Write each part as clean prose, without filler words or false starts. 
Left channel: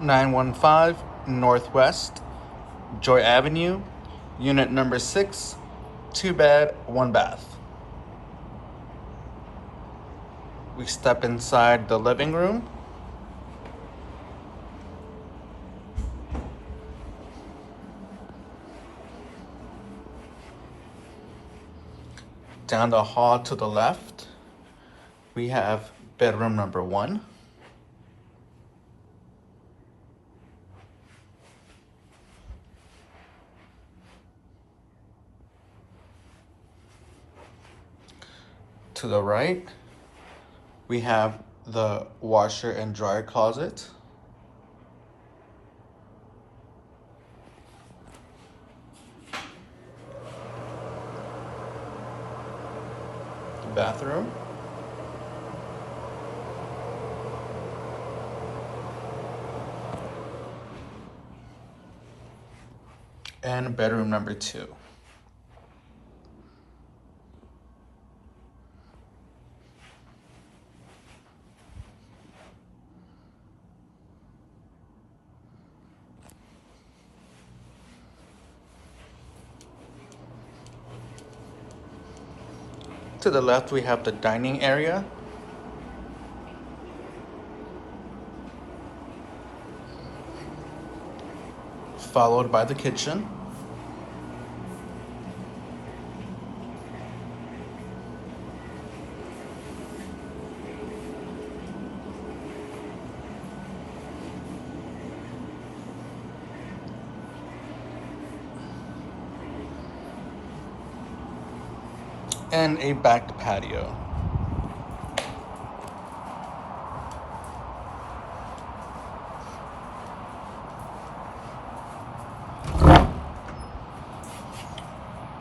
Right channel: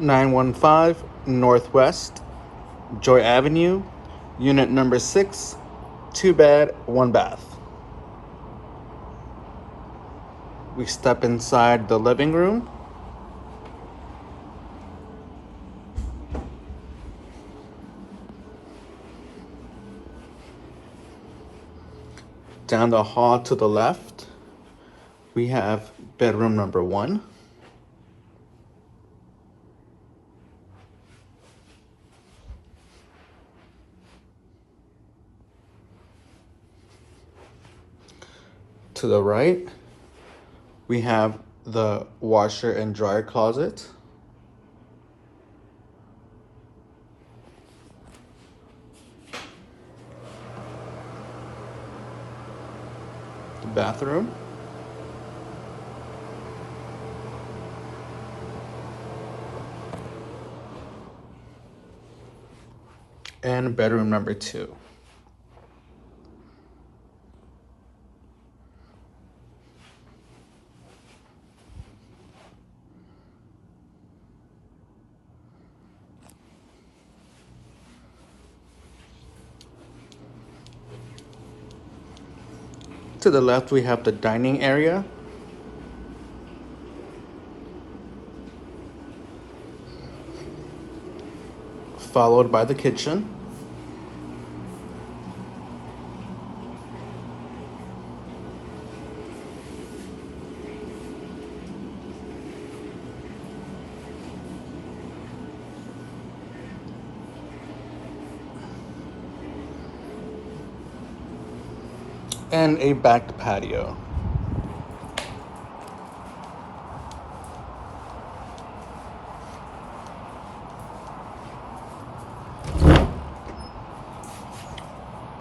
915 Northwest Joy Avenue, unit number 6, 2 bed, 1 bath. We step inside the living room. Down the hall to the left, we have bedroom number 1. To the right, we have the washer and dryer closet. The bathroom. And bedroom number 2. To the left, we have the dining area. Followed by the kitchen. And a back patio.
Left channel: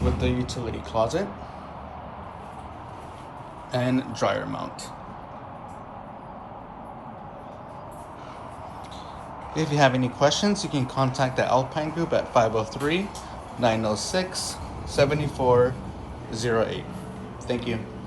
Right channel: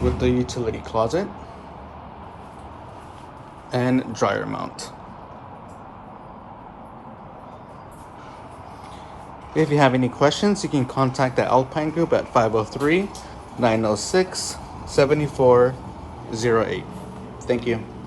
With the utility closet and dryer mount. If you have any questions, you can contact the Alpine group at 503-906-7408. Thank you.